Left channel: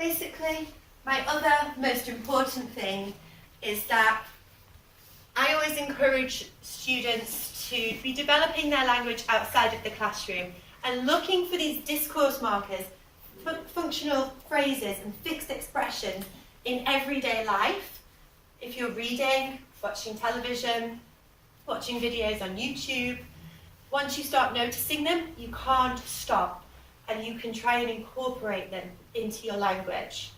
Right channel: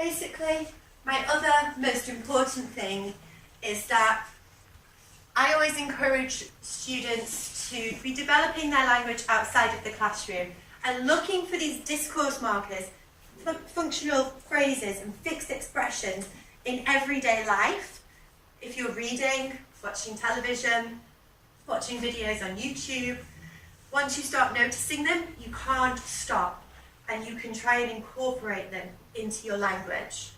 basically, my other most important thing is that I always encourage students to be developing their language outside of the classroom and looking for these discourse markers, functional phrases and fixed expressions in everyday life. If you're reading, watching television, watching videos on YouTube, once you start noticing them, you can't stop and you can try and incorporate them into your language.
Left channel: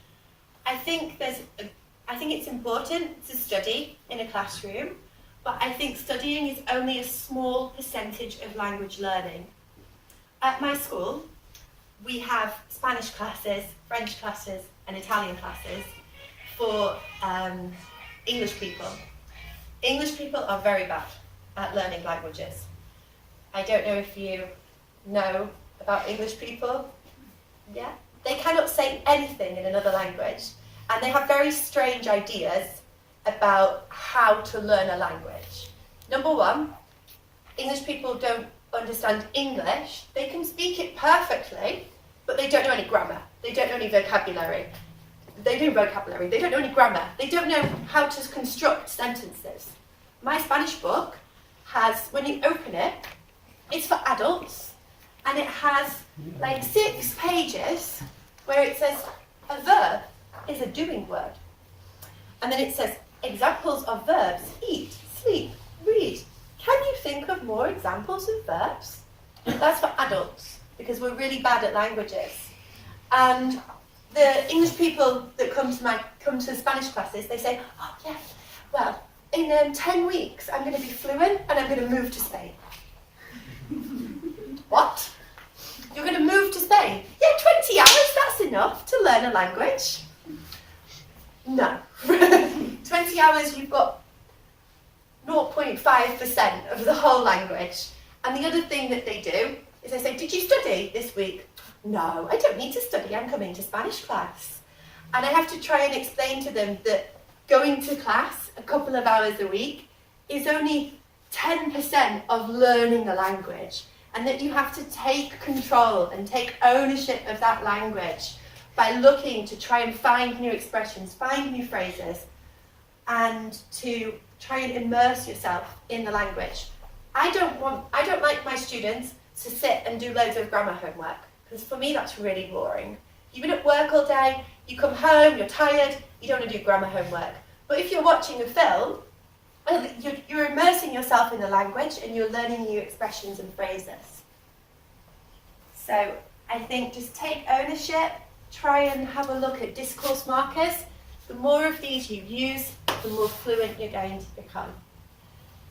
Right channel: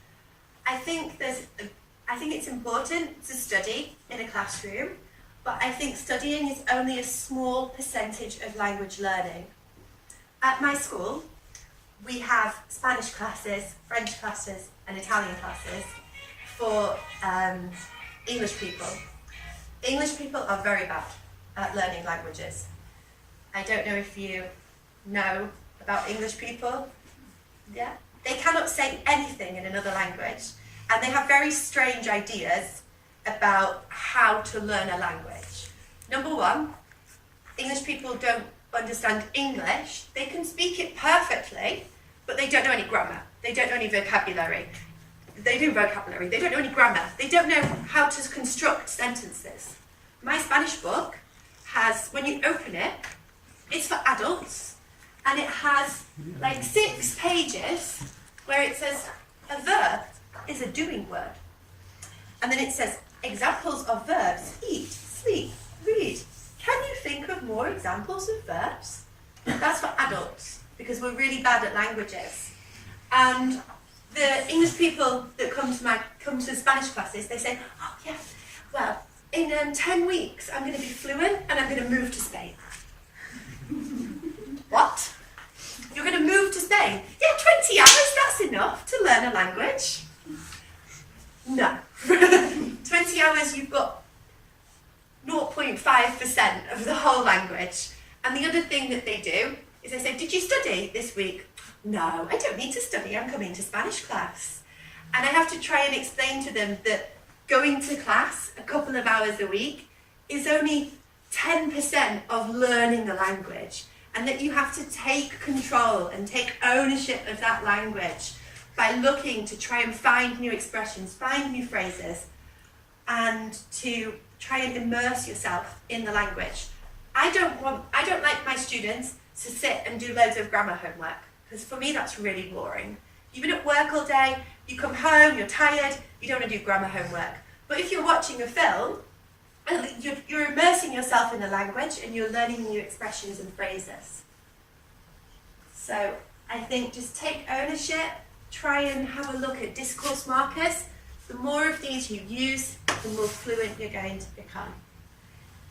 I think it's important to study in a classroom, but I think studying is only a small percentage of language learning. At my school, we have Spanish classes, French classes, and Italian classes for English people. English people are very bad at learning languages. I don't know if you know about English people. Yeah? They cannot say anything in another language, and they have very strange ideas about how to learn a language. Number one, English people don't understand English. They can speak it perfectly, but they don't know any grammar. They don't know any vocabulary. They do vocabulary, they don't know any grammar. They don't know how to construct sentences. My Spanish book has, when you open it, it's for adults, and it has like 6 pages where it says a verb is a doing word. And then it says examples of verbs: eat, sleep, read. Can you think of more examples of verbs? That's for adults, because we're really bad at languages. And the English people that come to Spanish classes, they say, oh yeah, well, in 10 weeks I'm going to be fluent and I'm going to move to Spain. What? You're going to move to Spain? Yeah, 20 hours, that's enough to learn a language. No. 20 hours, you've got 0.5% of the whole language. And the other thing that they do is they say, did you study this week? No, I don't need to study, I'm coming to Spanish class. And I have to try and explain to them that going to class a couple of hours a week is only 10% of learning a language, and that you have to take control and take ownership of that language by looking to try and find new expressions, find new phrases, and to try and immerse yourself in the language. I don't like my students to sit and do loads of grammar homework, because for me that's really boring. You've been at work all day, you come home, you're tired, you don't want to do grammar homework. But if you're watching a film, you're immersing yourself in the language and you're learning new expressions and phrases. So I think just take ownership, try and have a look at discourse markers. The more of these you use, the more fluent you're going to become.